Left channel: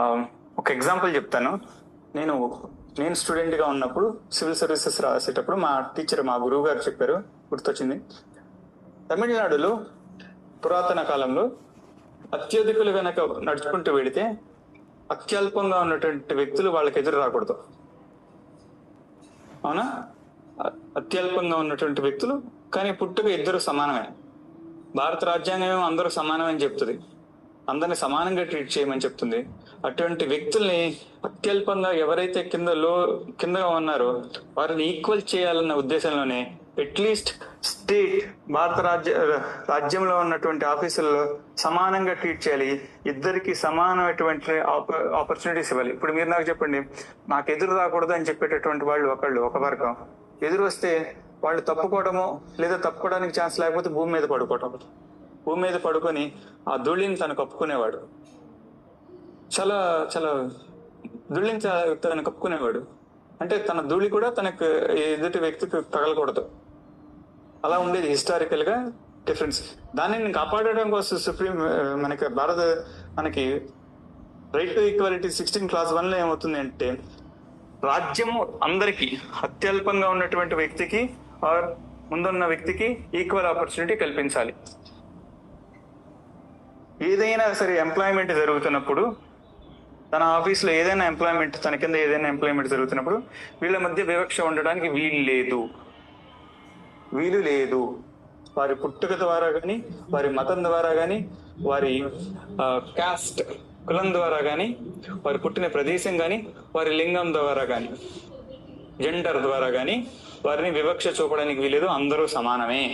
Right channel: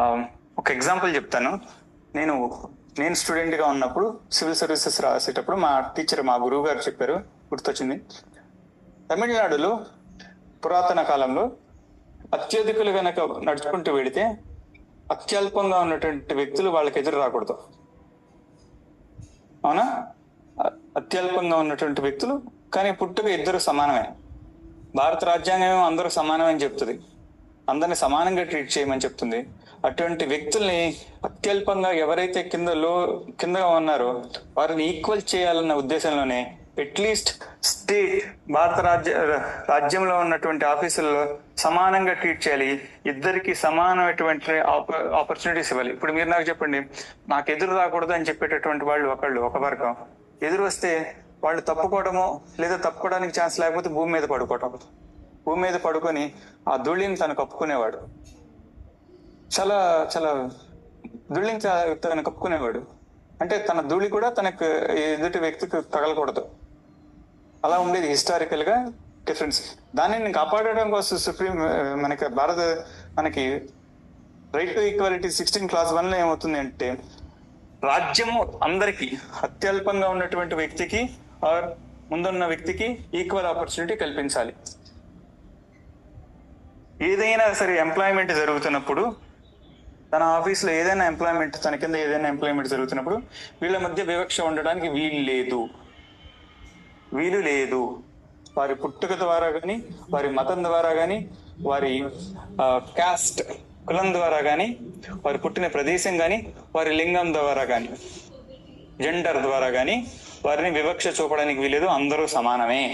ఆ, ఒక ఎగ్జాంపుల్ చెప్తాను. నేను నేను స్టూడెంట్గా ఉన్నప్పుడు సివిల్ సర్వీసెస్ రాసేటప్పుడు మా గురువు గారు చెప్పారు, గుర్తొచ్చింది. తమిళనాడులో పురాతన కాలంలో అత్యధికులు గనక నడుచుకుంటూ వెళితే అత్యల్పంగా ఉన్నటువంటి వ్యక్తులు వాళ్ళకి ఎదురు రాకూడదు. అవునా? అత్యల్పంగా ఉన్నటువంటి వ్యక్తులు, కానీ పుట్టుక ఇద్దరు సమానమే. భారత రాజ్యాంగం అందరూ సమానమని చెప్తుంది, అందరిని సమానంగా ట్రీట్ చేయమని చెప్తుంది. అటువంటి వ్యక్తుల్ని అత్యల్పంగా ఎవరైతే కిందగా ఉన్నారో వారిని ఈక్వల్ చేయాలన్న ఉద్దేశంలోనే అట్లీస్ట్ భారత రాజ్యంలో ఉన్నటువంటి ఆఫీసుల్లో సమానంగా ట్రీట్ చేయాలి, ఇద్దరికి సమానమైనటువంటి ఆపర్చునిటీస్ ఇవ్వాలి. ఇప్పుడు మీరు నాకు చెప్పండి, నాకు ఎదురు రాకూడదు అని చెప్పేటటువంటి వాళ్ళు ఒక వర్గం, ఎదురు వస్తే వాళ్ళు తప్పుకోవడము, లేదా తప్పుకోవడానికి ఛాన్స్ లేకపోతే భూమి మీద పడుకొని ఆ ధూళిని తను కప్పుకునేవాడు. చాలా చాలా ధూళిని తను కప్పుకునేవాడు. అంటే తన ధూళి కూడా తనకు ఎదుటి వ్యక్తికి తగలకూడదు. అలా ఉండేది హిస్టారికల్ గా డిఫరెన్స్. దానిని కాపాడడం కోసం సుప్రీం మనకి రైట్ టు ఈక్వాలిటీ 16 Clause 1 ఏమవుతుంది అంటే, రాజ్యము అందరికి అత్యల్పంగా ఉన్నటువంటి వ్యక్తికి ఆర్ ముందున్న వ్యక్తికి ఈక్వల్ ఆపర్చునిటీ కల్పించాలి. ఏదైనా సరే ఎంప్లాయ్మెంట్ జరుగుతున్నప్పుడు, తన ఆఫీస్లో ఏదైనా ఎంప్లాయ్మెంట్, తన కింద ఏదైనా ఎంప్లాయ్మెంట్ జరుగుతున్నప్పుడు వీళ్ళ మధ్య వివక్ష ఉండడానికి వీలు లేదు. వారి పుట్టుక ద్వారా కానీ, వారి మతం ద్వారా కానీ, వారి కాస్ట్ కులం ద్వారా కానీ, వారి పుట్టిన ప్రదేశం కానీ, వారి లింగం ద్వారా కానీ, జెండర్ ద్వారా కానీ వారిని వివక్ష చూపడానికి వీలేదు. అందరూ సమానమే.